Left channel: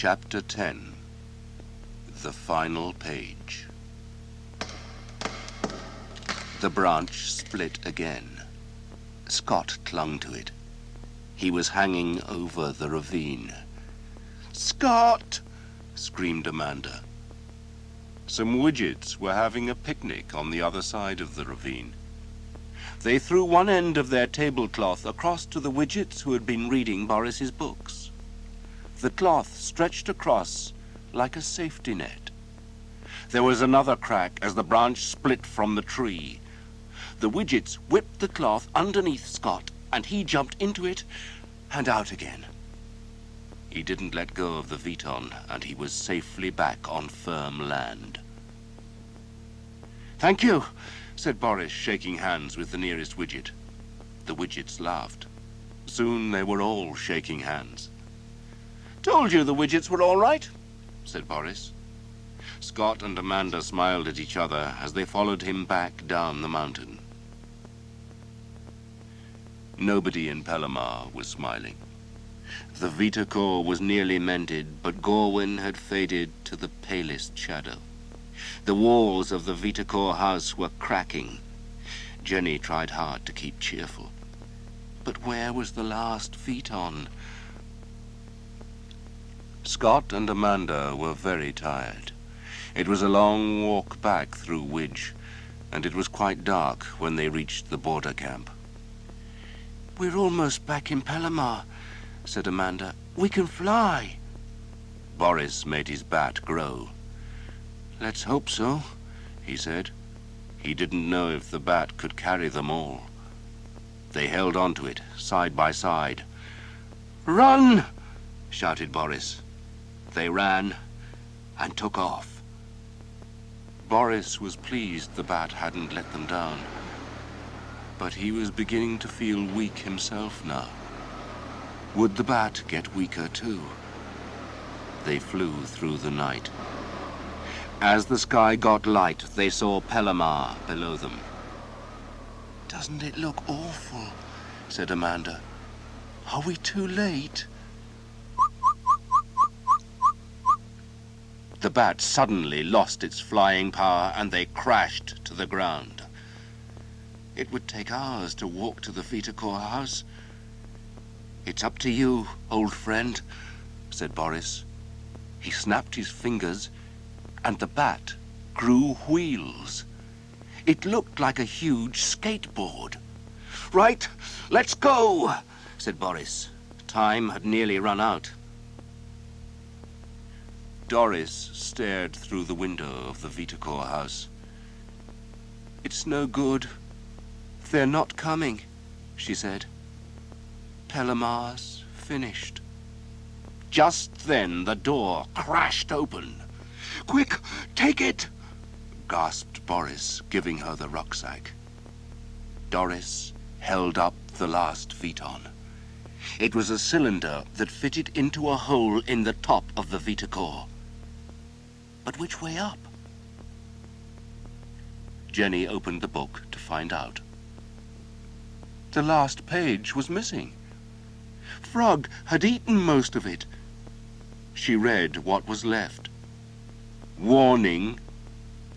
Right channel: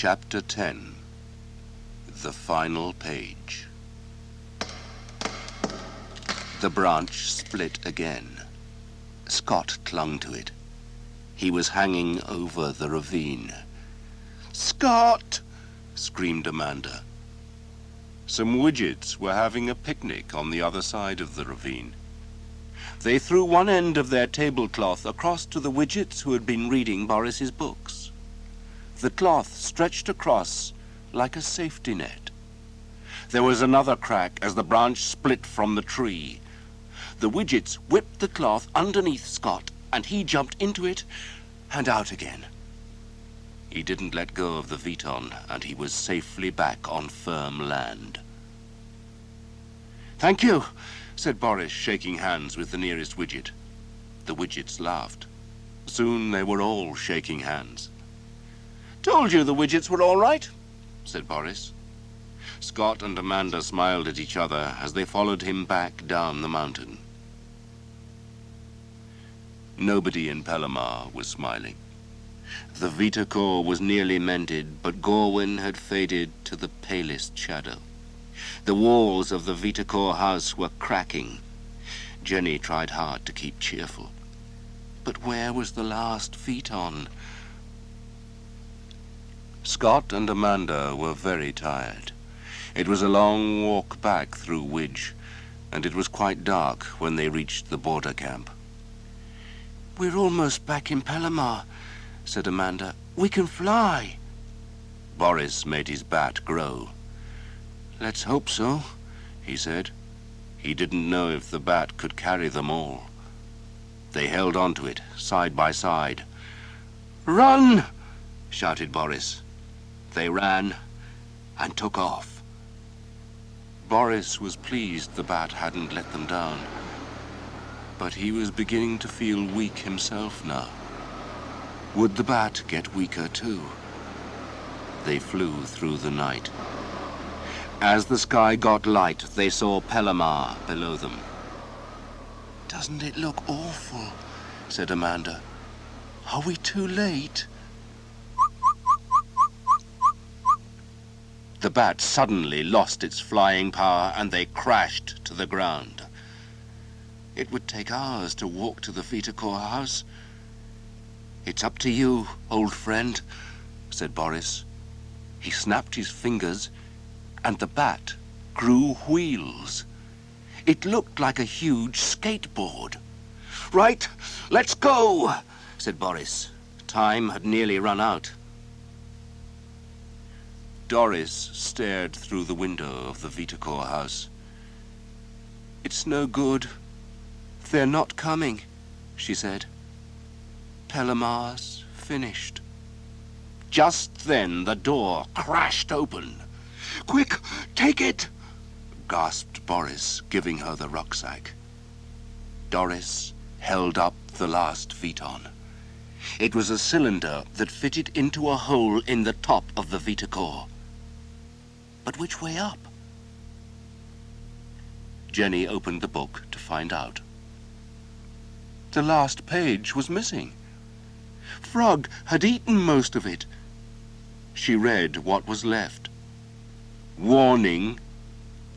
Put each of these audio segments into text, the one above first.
Chapter 10. The Final Page. The branch split again. Scott clung to it. He was hanging over the ravine. "Scott!" screamed Amanda. Some widgets were having a picnic on the other side of the ravine. They threw one end of their tablecloth across to the widgets who had been reading Boris's books. The cloth stretched across like a safety net. There was another crack as the branch split from the tree. The widgets whipped the cloth underneath Scott, and he jumped into it and out again. He didn't let go of the Veton, and he was safely back on firm land. "Thank you," said Boris, shaking hands with the nearest widget. The widgets laughed. Soon they were all shaking hands. "Told you the widgets were all right," said Boris. Scott and Amanda smiled at each other as they followed him back down the mountain. Nobody in Pellamar was smiling. The Vitacore was nearly mended, but Gorwin had faded to the palest shadow. The walls of the Vitacore house were cracking. Jenny tried hard to keep cheerful. But where was the last Veton? Scott and Amanda were very tired. It was a long walk back through Widge, and it was quite dark when they reached the border camp. "We're almost back in Pellamar," said Amanda. "We can fly." Boris made his bat grow. "Let's hope so," he said. He didn't know if the bat could carry them all. They held on to it, side by side. "Run!" shouted Boris. They ran and took off. Boris was pleased the bat hadn't let them down, but he was beginning to feel weak himself now. Would the bat get weaker too? They flew through the night. As the sky got light, they saw Pellamar below them. "Doesn't it look awful?" said Amanda. "Are we too late?" The bat suddenly lost its flying power, and they crashed to the ground. "It would take hours to walk to the Vitacore house." "It's up to you, old friend," said Boris. He snapped his fingers, and the bat grew wheels. It looked like a huge skateboard. "Right, let's go," said Boris. Time had nearly run out. Doris stared through the window of the Vitacore house. "It's no good. They're not coming," she said. "Pellamar's finished." Just then the door crashed open. "Quick, take it!" gasped Boris, giving her the rucksack. Doris held up the last Veton. It was a cylinder that fitted into a hole in the top of the Vitacore. But which way up? Jenny opened the book to find out. The last page was missing. Frog had eaten most of it. She read what was left. "Warning,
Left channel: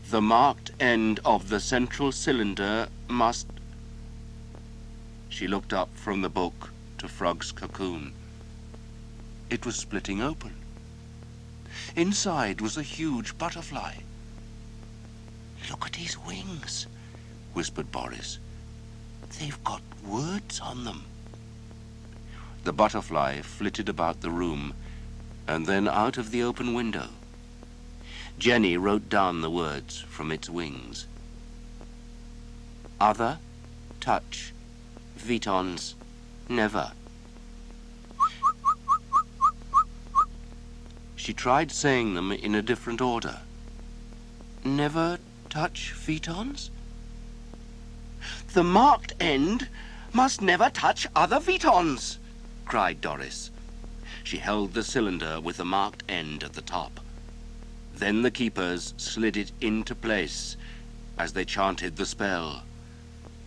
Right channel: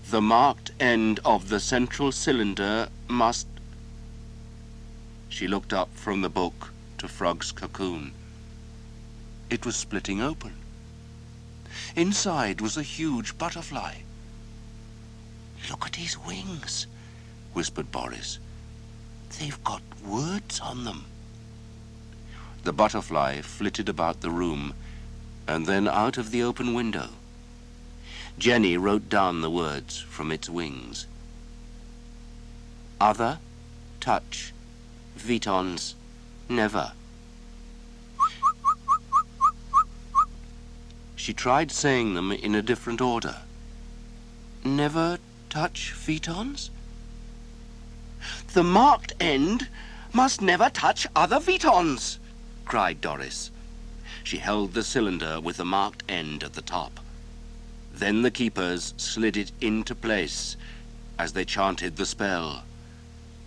the marked end of the central cylinder must..." She looked up from the book to Frog's cocoon. It was splitting open. Inside was a huge butterfly. "Look at his wings," whispered Boris. "They've got words on them." The butterfly flitted about the room and then out of the open window. Jenny wrote down the words from its wings. Other, touch, Vetons, never. She tried saying them in a different order. Never touch Vetons? "The marked end must never touch other Vetons," cried Doris. She held the cylinder with the marked end at the top. Then the keepers slid it into place as they chanted the spell.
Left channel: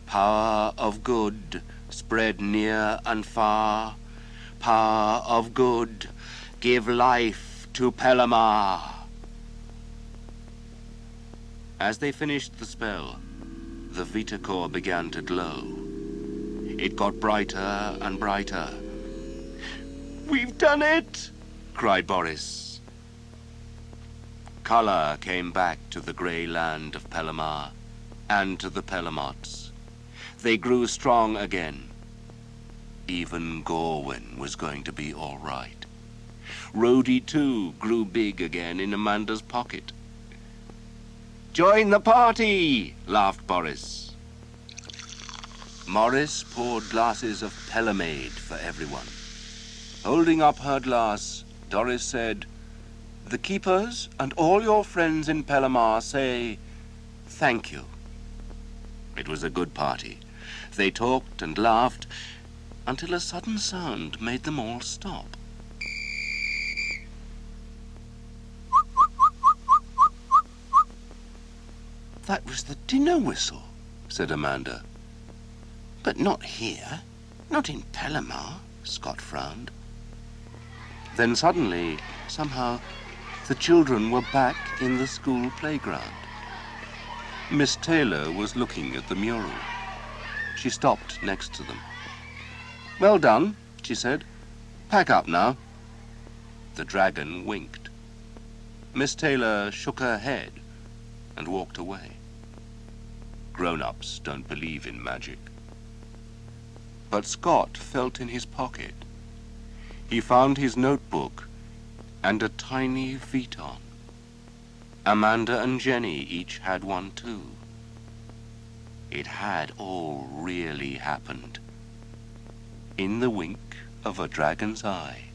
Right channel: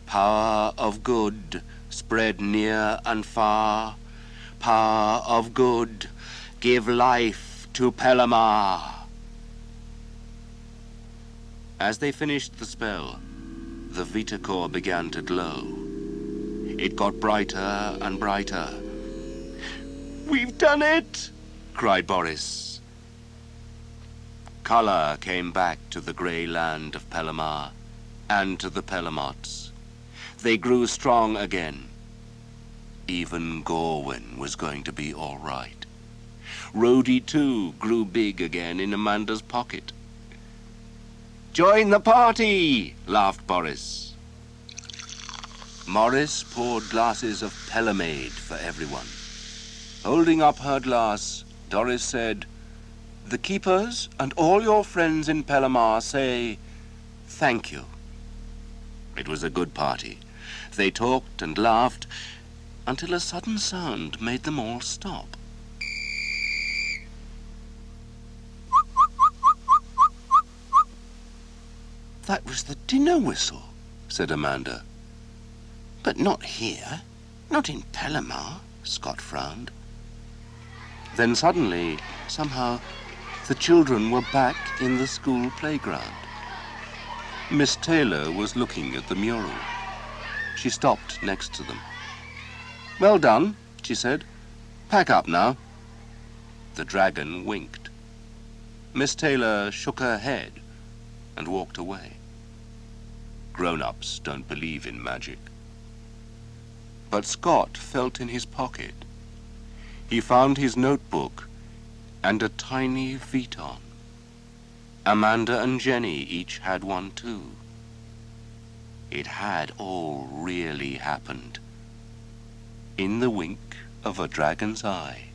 Power of good, spread near and far. Power of good, give life to Pelamar. As they finished the spell, the Vita core began to glow. It got brighter and brighter. "We've done it!" cried Boris. Colour came back to the grey land of Pelamar and to the Pelamots. They grew strong again. Even Gorwin was going to be all right. Rhodey, too, grew big again in Amanda's pocket. "Join the party!" laughed Boris. Morris poured glasses of Pelamade for everyone. Holding up her glass, Doris said, "The keepers and all your friends in Pelamar say thank you." It was a good party. They talked and laughed until a sudden sound made them all stop. "That was the dinner whistle," said Amanda. "But not here, not in Pelamar," Scott frowned. Then suddenly, somehow, the children were back in the school playground. Miss Taylor was looking at the mural. She stopped next to them. "Well done," she said. "Pack up now." The dragon winked. Miss Taylor shook her head and walked away. Grown-ups don't believe in magic. But Scott felt in his pocket. He found his notebook and a tiny Vuitton. Amanda and Jenny each had one too. It had all really happened. In the wink of a dragon's eye.